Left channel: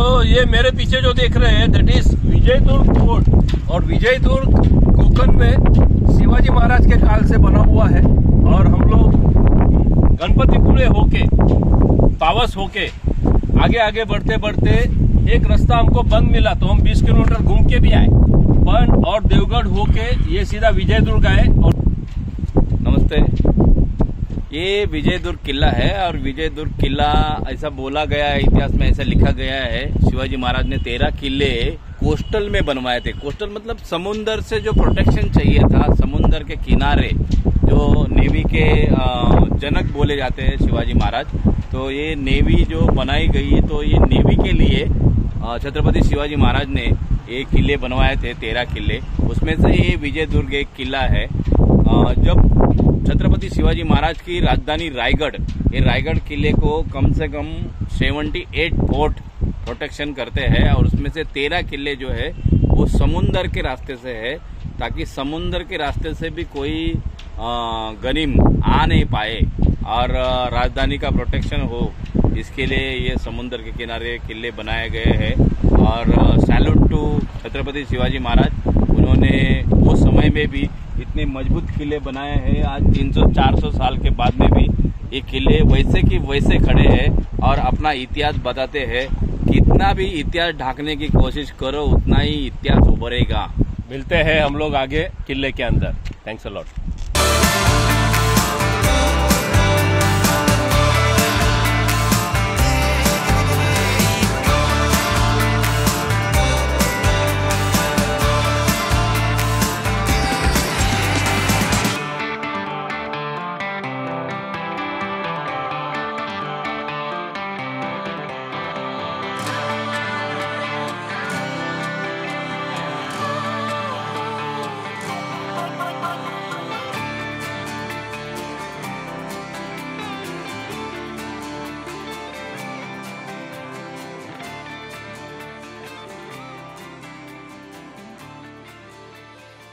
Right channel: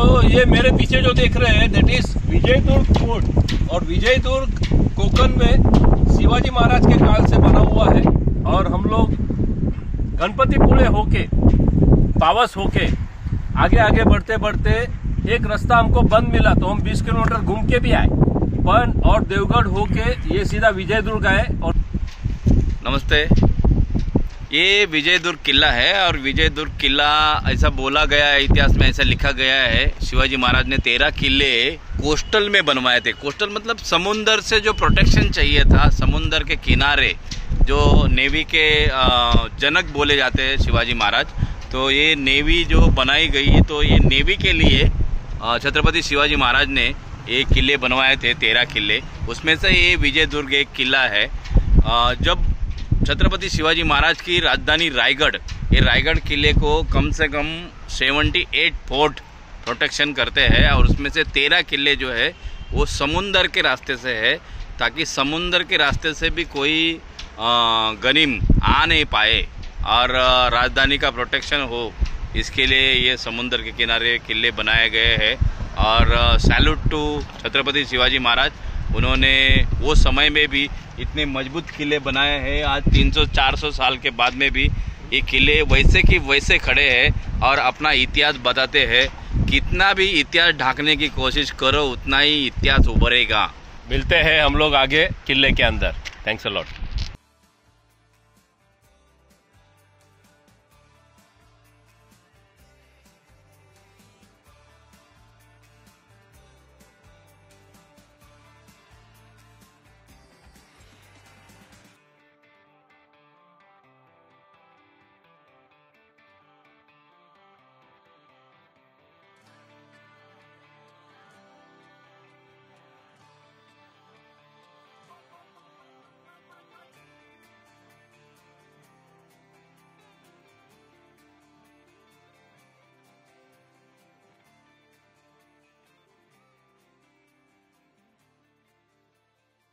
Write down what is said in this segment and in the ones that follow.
तो ये मेरे पीछे जो देख रहे हैं दैट इज विजयदुर्ग फोर्ट, और विजयदुर्ग कोकण में शिवाजी महाराज के काल से बना हुआ है। और हम लोग गणपतिपुळे होके पावस होके आगे आगे बढ़ते बढ़ते एक रास्ता हमको बंद मिला तो हम 20 किलोमीटर घूम के भी आए पण, और देवगढ़ होके ये सीधा विजयदुर्ग आए। और नमस्ते, ये विजयदुर्ग किला है और विजयदुर्ग किला ऐसा बोला गया है, इतिहास में ऐसा लिखा गया है, शिवाजी महाराज ने 13 किले कोस्टल में बनवाए थे। कोस्टल मतलब समुंदर से जो प्रोटेक्शन चाहिए था, समुंदर के किनारे, जो नेवी के जनक बोले जाते हैं शिवाजी महाराज। तो ये नेवी जो बनाई गई, तो ये नेवी के लिए छत्रपति शिवाजी महाराज ने ये किले बनवाए थे, 13 किले, उसमें से ये विजयदुर्ग एक किला है। जब छत्रपति शिवाजी महाराज की राजधानी रायगढ़, ये रायगढ़ किले को कम से कम 78 फोर्ट प्रोटेक्शन करते हैं, और उसमें से 13 किले जो है वो समुंदर के रास्ते से है, ताकि समुंदर के रास्ते से भी कोई गनीम आ नहीं पाए और राजधानी का प्रोटेक्शन हो, इसके लिए ये समुंदर के किनारे किले बनाए गए हैं। और सैल्यूट टू छत्रपति शिवाजी महाराज, उन्होंने वो समय में भी इतने मजबूत किले बनाए हैं। आज 300-400 साल के बाद में भी ये किले वैसे कि वैसे खड़े हैं और अपना इतिहास बताते हैं। कितना भी इतिहास ढांकने की कोशिश करो, उतना ही इतिहास उभरेगा। मिलते हैं हम लोग आगे किले के अंदर। Thanks a lot.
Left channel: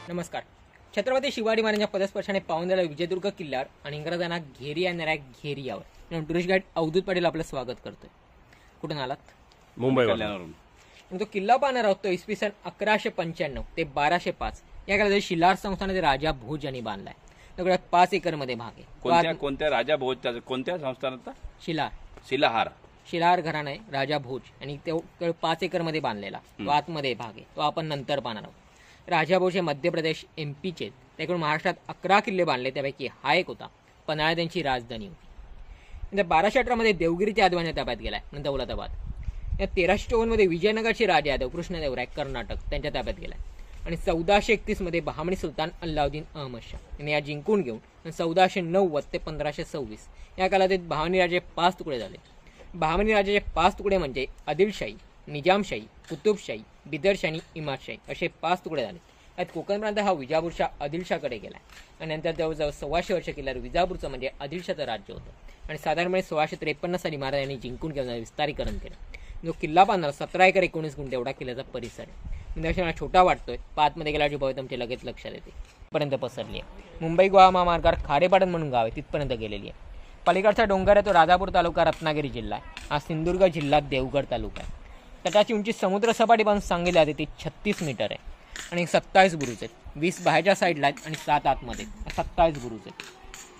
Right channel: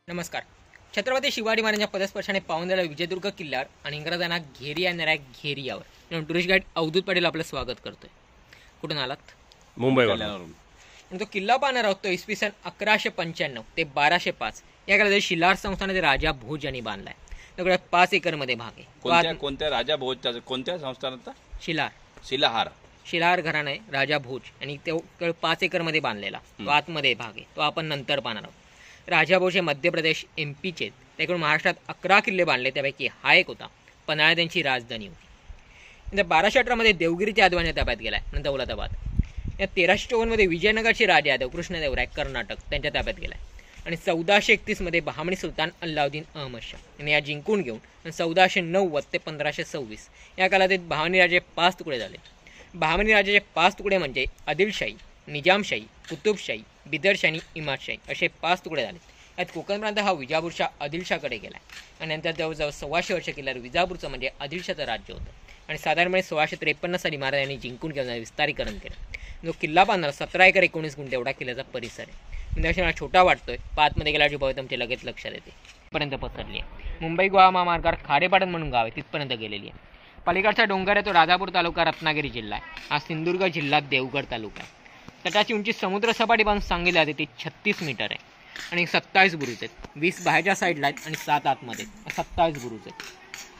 नमस्कार. छत्रपती शिवाजी महाराजांच्या पदस्पर्शाने पावलेल्या विजयदुर्ग किल्ल्यावर आणि इंग्रजांना घेरी आणणाऱ्या घेरियावर टुरिस्ट गाईड अवधूत पाटील आपलं स्वागत करतोय. कुठून आलात? मुंबईवरून. तो किल्ला पाहणार आहोत तो इसवी सन 1195 ते 1205 या काळात शिलार संस्थानाचे राजा भोज यांनी बांधलाय. त्याकडे 5 एकर मध्ये भाग आहे. कोणत्या राजा भोजच्या कोणत्या संस्थानाचा? शिलार घराणं आहे राजा भोज, आणि तो 5 एकर मध्ये बांधलेला तो आतमध्ये भाग आहे, तो आपण नंतर पाहणार आहोत. राजा भोज हे मध्य प्रदेश MP चे, त्याकडून महाराष्ट्रात 11 किल्ले बांधले, त्यापैकी हा एक होता. पन्हाळा त्यांची राजधानी होती. 1218 मध्ये देवगिरीच्या आदिवासी ताब्यात गेलाय, नंतर दौलताबाद. या 1354 मध्ये विजयनगरचे राजा यादव कृष्णदेवराय कर्नाटक त्यांच्या ताब्यात गेलाय, आणि 1431 मध्ये बहामनी सुलतान अल्लाउद्दीन अहमद शाह यांनी या जिंकून घेऊन 1490 ते 1526 या कालावधीत बहामनी राजे 5 तुकडे झाले. बहामनी राजाचे 5 तुकडे म्हणजे आदिलशाही, निजामशाही, कुतुबशाही, बिदरशाही आणि इमादशाही असे 5 तुकडे झाले. यात कोकण प्रांत हा विजापूरच्या आदिलशाहकडे गेला, आणि नंतर जवळजवळ 125 वर्ष केल्यावर विजापूरचं म्हणजे आदिलशाचं राज्य होतं, आणि साधारणपणे 1653 साली महाराजांनी जिंकून घेऊन विस्तारीकरण केलं. जो किल्ला बांधणार 17 एकर 19 गुंठे एवढा किल्ल्याचा परिसर आहे. म्हणजे मला छोटा वाटतोय, पाचमध्ये गेल्याची भव्यता तुमच्या लगेच लक्षात येते. पर्यंत पसरली आहे. मुंबई गोवा महामार्गावर खारेपाटण म्हणून गाव आहे, तिथपर्यंत गेलेली आहे. पलीकडचा डोंगर आहे तो राजापूर तालुका रत्नागिरी जिल्हा आहे. हा सिंधुदुर्ग जिल्ह्यात देवगड तालुका आहे. तटाची उंची समुद्र सपाटीपासून सांगितली जाते ती 36 मीटर आहे, आणि 27 बुरुज आहेत. 20 बाहेरच्या साईडला आहेत आणि 7 आतमध्ये, 27 बुरुज आहेत.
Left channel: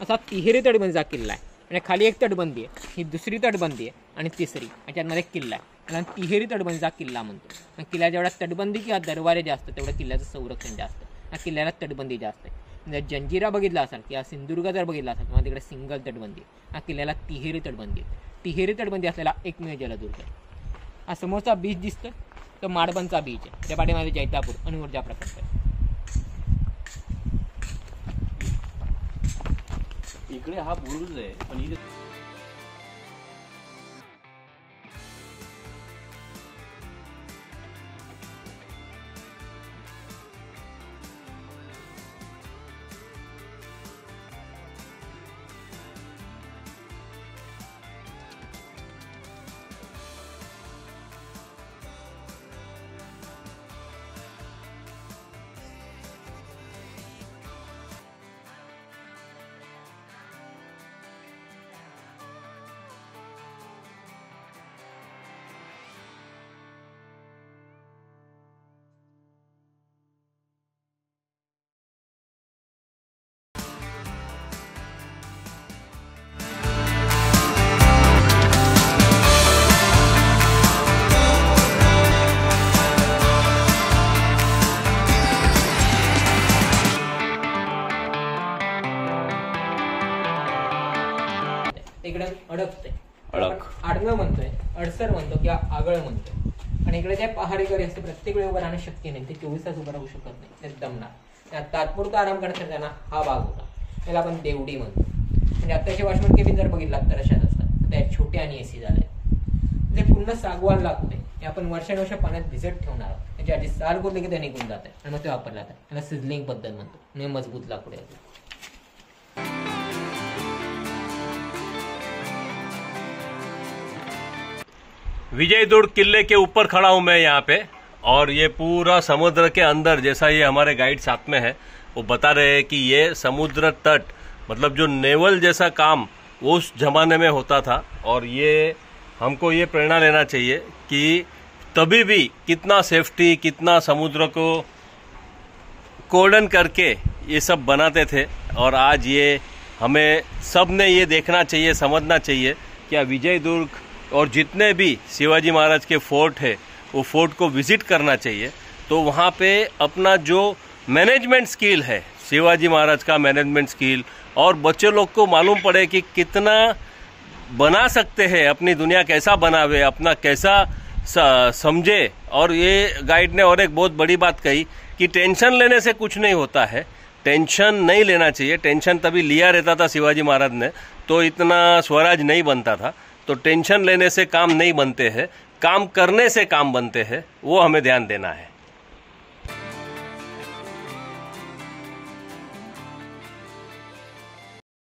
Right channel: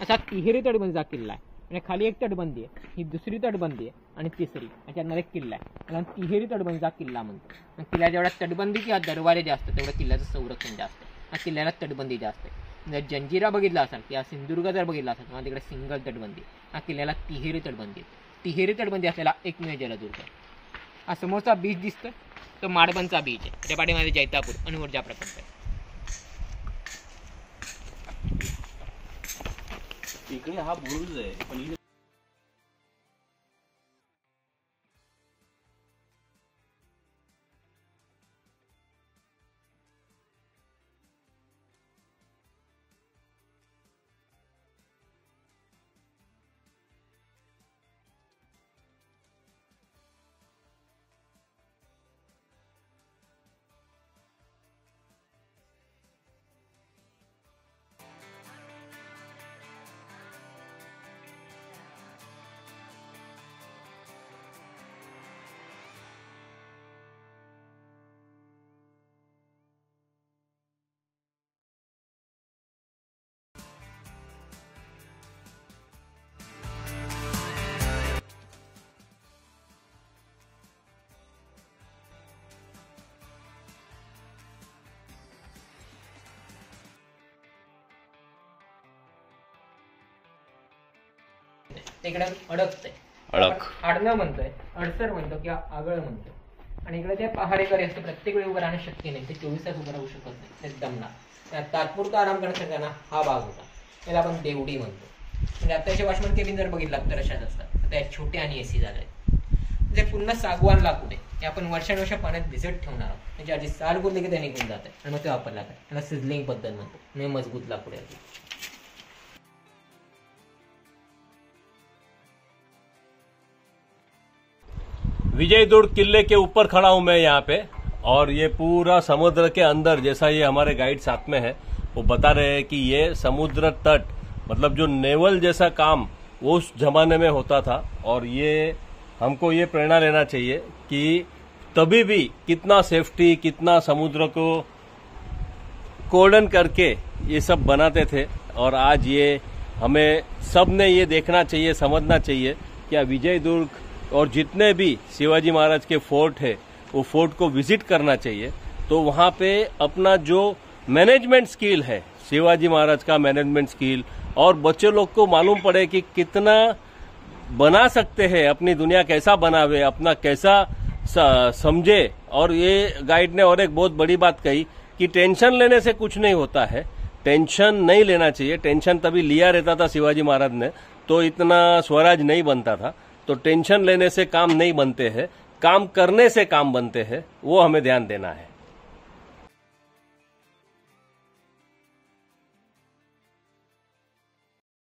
असा तिहेरी तटबंदीचा किल्ला आहे, आणि खाली एक तटबंदी आहे, ही दुसरी तटबंदी आहे आणि तिसरी, याच्यामध्ये किल्ला आहे. आणि तिहेरी तटबंदीचा किल्ला म्हणतो. किल्ला जेवढा तटबंदी किंवा दरवाजे जास्त तेवढं किल्ल्याचं संरक्षण जास्त आहे. हा किल्ल्याला तटबंदी जास्त आहे. जर जंजिरा बघितला असाल किंवा सिंधुदुर्ग जर बघितला असाल किंवा तिकडे सिंगल तटबंदी, हा किल्ल्याला तिहेरी तटबंदी आहे. तिहेरी तटबंदी असलेला एकमेव जलदुर्ग आहे. हा समोरचा बीच दिसतो तो माडबनचा बीच आहे. त्या पाठीमध्ये जैतापूर आणि ऊर्जा प्रकल्प आहे. इकडे हा बुरुज आहे, पण इकडे अडकतंय, अडक. आडणं म्हणतोय, अडसर म्हणतो किंवा आगळ म्हणतो. आणि इकडे जे पहारेकरी असते प्रत्येक वेळी उभं राहण्याची शक्ती नाही, ते 24 तास उभं राहू शकत नाही, ते दमणार. त्या तात्पुरता आराम करण्यासाठी त्यांना हा भाग होता, त्याला आपण देवडी म्हणतो. म्हणजे आताचे वॉशमॅन केबिन जर बघितलं तर अशाच असतात, त्या छोटे आणि एसी झाले. जे पूर्ण सागवान लाकूड आहे, हे आपण वर्षानुवर्ष पाण्यात भिजत ठेवणार आहोत. त्याची आधी साल बोलली की ते निघून जाते आणि मग ते वापरला जाते. त्याला सिझलिंग पद्धत म्हणतो, म्हणजे मजबूत लाकूड आहे. विजयदुर्ग किले के ऊपर खड़ा हूं मैं यहाँ पे, और ये पूरा समुद्र के अंदर, जैसा ये हमारे गाइड साथ में है वो बता रहे हैं कि ये समुद्र तट, मतलब जो नेवल जैसा काम वो उस जमाने में होता था. और ये हमको ये प्रेरणा लेना चाहिए कि तभी भी कितना सेफ्टी, कितना समुद्र को कोर्डन करके ये सब बनाते थे. और आज ये हमें सब ने ये देखना चाहिए, समझना चाहिए कि विजयदुर्ग और जितने भी शिवाजी महाराज के फोर्ट है वो फोर्ट को विजिट करना चाहिए. तो वहाँ पे अपना जो मैनेजमेंट स्किल है, शिवाजी महाराज का मैनेजमेंट स्किल, और बच्चे लोग को मालूम पड़े कि कितना बना सकते हैं, अपनी दुनिया कैसा बनावे, अपना कैसा समझे. और ये गाइड ने और एक बहुत बड़ी बात कही कि टेंशन लेने से कुछ नहीं होता है, टेंशन नहीं लेना चाहिए. टेंशन तभी लिया रहता था शिवाजी महाराज ने, तो इतना स्वराज नहीं बनता था. तो टेंशन लेने से काम नहीं बनते हैं, काम करने से काम बनते हैं, वो हमें ध्यान देना है.